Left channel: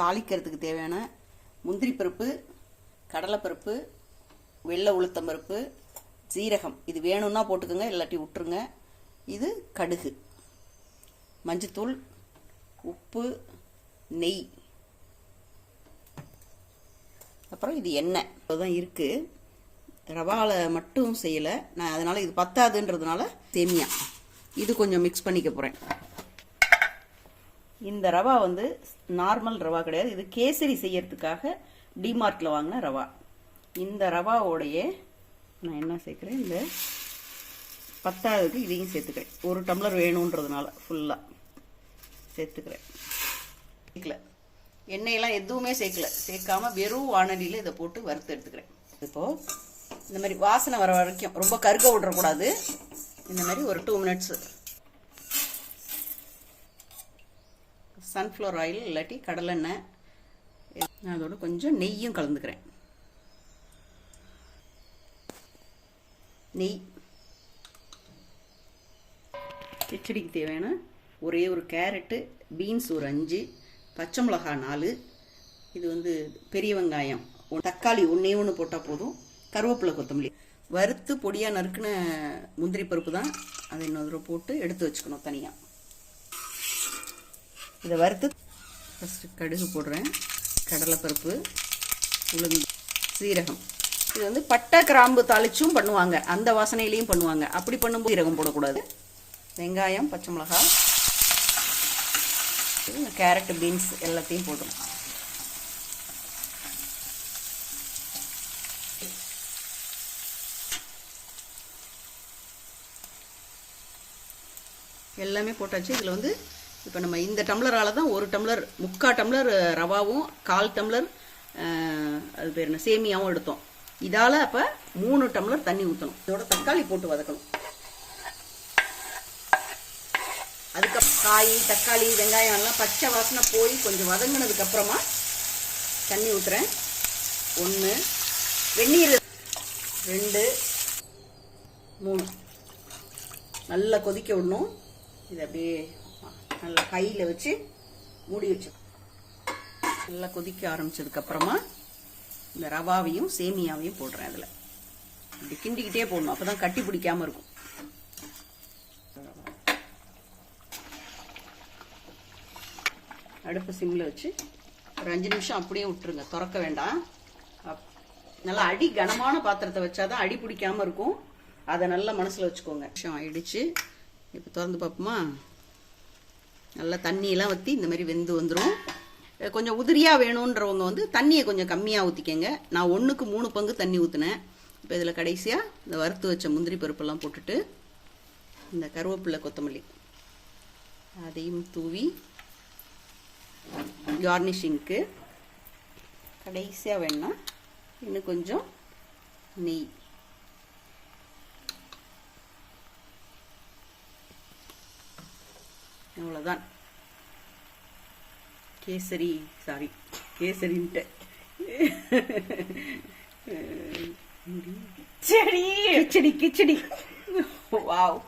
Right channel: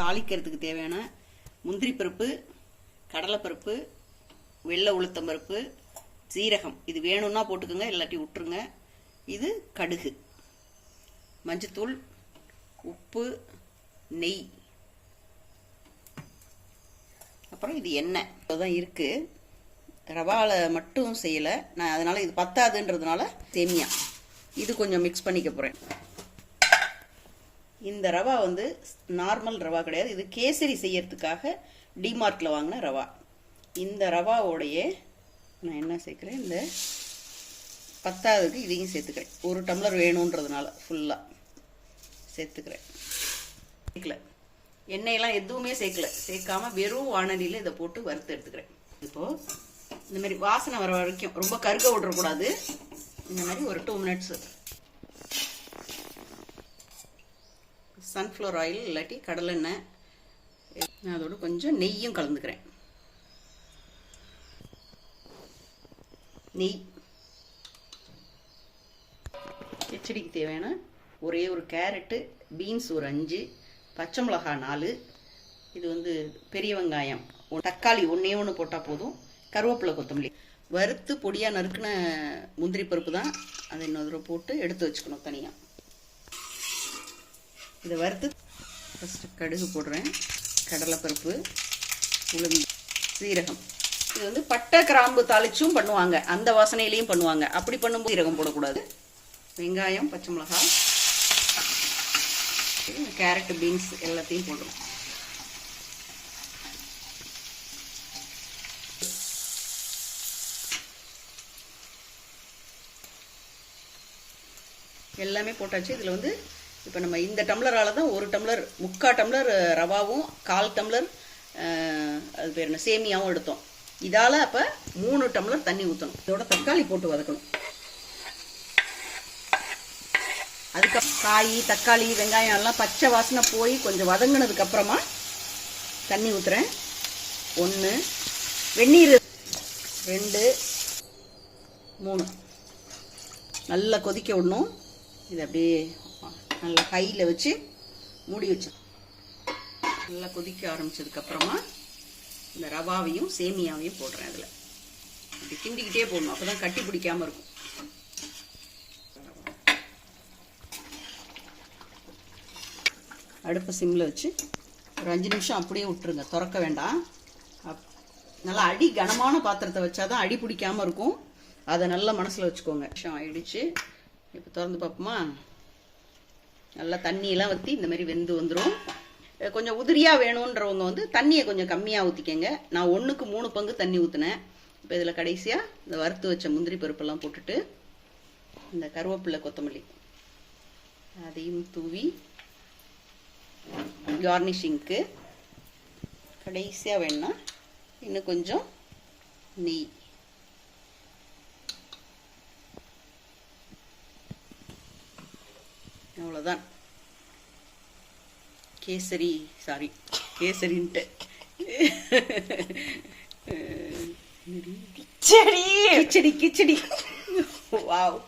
தாளிக்கிறதுக்கு தேவையான முந்திரி பருப்பு கடலைப்பருப்பு வெள்ளை உளுத்தம் பருப்பு சீரகம். இது வேணும்னா போட்டுக்கோங்க இல்லாட்டி விட்டுருங்க. இது கடுகு. மஞ்சத்தூள் உப்பு நெய். அப்புறம் இது எண்ணெய். தான் இருக்குது ரவாவில் மட்டும் செய்யலை. நான் அதனால் இது பத்தாதுன்றதுனால சேமியா. இது கொஞ்சம் மிக்ஸ் பண்ணிக்க போகிறேன் இந்த ரவா வந்து நார்மல் ரவா கிடையாது. இது கேசரி செய்யறதுக்காக டிமார்ட்டில் வாங்கின ரவா. இந்த ரவாவோடைய நான் என்ன சேர்க்குறேன்? இந்த பத்தாவதுக்கு இதையும் சேர்த்துக்கிறேன். ஒரு டம்ளர் வேணுன்றதுனால ஃபுல்லாக சேர்த்துக்கிறேன். சேர்க்கல. எண்ணெயெல்லாம் எதுவுமே சேர்க்கல. சேர்க்காம வெறும் வானலியில் இதை போட்டு வறுத்து எடுத்துக்கிறேன். இப்போது இந்த மாதிரி வாசனை வர வரைக்கும் ரொம்ப கருக்க விடக்கூடாது. இந்த மாதிரி ஒரு டூ மினிட்ஸு சன்ஃப்ளவர் ஆயில் இல்லாட்டி கடலெண்ணெய். நான் அதோட கொஞ்சம் நெய்யும் கலந்துக்கிறேன். நெய். கிச்சடிக்கு தேவையான ஒரே ஒரு கேரட்டு பீன்ஸ் ஒரு அஞ்சு பச்சை மிளகா நாலு. இது வந்து பெரிய வெங்காயம். தக்காளி ஒன்றே ஒன்று போட்டால் போதும். கருவேப்பிலை கொத்தமல்லி. வறுத்து பொடியாக நறுக்கின முந்திரி பருப்பு தான். அதை இன்னொரு தடவை போட்டு எடுத்து வச்சுக்கணும் தனியாக இதை வறுத்து ஃபஸ்ட்டு கடுகு போடுறேன். கடலைப்பருப்பு உளுந்து சீரகம். இது வந்து பட்டை கிராம்பு தாளிச்சும் பண்ணுவாங்க. அந்த வாசனையிலையும் பண்ணுவாங்க. அப்படி பண்ணும்போது சீரகம் போடக்கூடாது. வெங்காயம் பச்சை மிளகாய் கேரட்டு பீன்ஸ் எல்லாத்தையும் போடுவோம் எல்லாமே போட்டாச்சு. இதில் வந்து இப்போ நம்ம இந்த டம்ளரால் தான் ஒரு டம்ளர் முக்கால் டம்ளர் ரவாவும் கால் டம்ளர் அது பேர் என்ன சேமியாவும் எடுத்தோம். இதால் அப்போ மூணு டம்ளர் தண்ணி ஊற்றணும் இதோட தக்காளி போட்டு வதக்கணும். அதுக்கப்புறம் காய் தக்காளி வெங்காயம் எல்லாம் பச்சை வாசனை போய் கொஞ்சம் வதங்கினதுக்கப்புறமா தண்ணி ஊற்றுறேன் ஒன்று வெந்நீர். ரெண்டு மூணு. நல்லா கொதிக்க விடணும். இது அப்படியே நல்லா கையில் வச்சு மூடி வச்சு நல்லா கொதிக்க ஆரம்பிச்சதுக்கப்புறமா இந்த ரவாவையும் சேமியாவையும் போடுறேன் அதில். இப்படி கிண்டிக்கிட்டே போடணும். அப்போ தான் கட்டி பிடிக்காமல் இருக்கும். அடுப்பு சிம்மில் வச்சு ஒரு அஞ்சு நிமிஷம் அப்படியே விட்டுருங்க. திறக்க வேண்டாம். அப்- நல்லா அடி கனமான பாத்திரத்தை வச்சாதான் அடி பிடிக்காமல் இருக்கும். அதை நல்லா மனசில் வச்சுக்கோங்க. விஷயம் ஆயிடுச்சு. இப்போ திறந்து பார்ப்போமா? நல்லா தண்ணியெல்லாம் ஊற்றி இந்த மாதிரி வெந்து வந்துடும் கொஞ்சம் உதிரியாக வேணுன்றவங்க வந்து தண்ணியை கொஞ்சம் கம்மியாக ஊற்றிக்கங்க நான் ஒன்றுக்கு மூணு பங்கு தண்ணி ஊற்றினேன் இப்போ இதில் கடைசியாக இந்த வறுத்து வச்ச முந்திரி பருப்பெல்லாம் போட்டுட்டு இந்த கருவேப்பிலை கொத்தமல்லி அதையும் தூவி கார்னிஷிங்க்கு கடைசியாக வேணும்னா இன்னும் கொஞ்சம் நெய். கேசரி சாரி கேசரின்ட்டு. சரி கிச்சடி கிச்சடி. வாவ்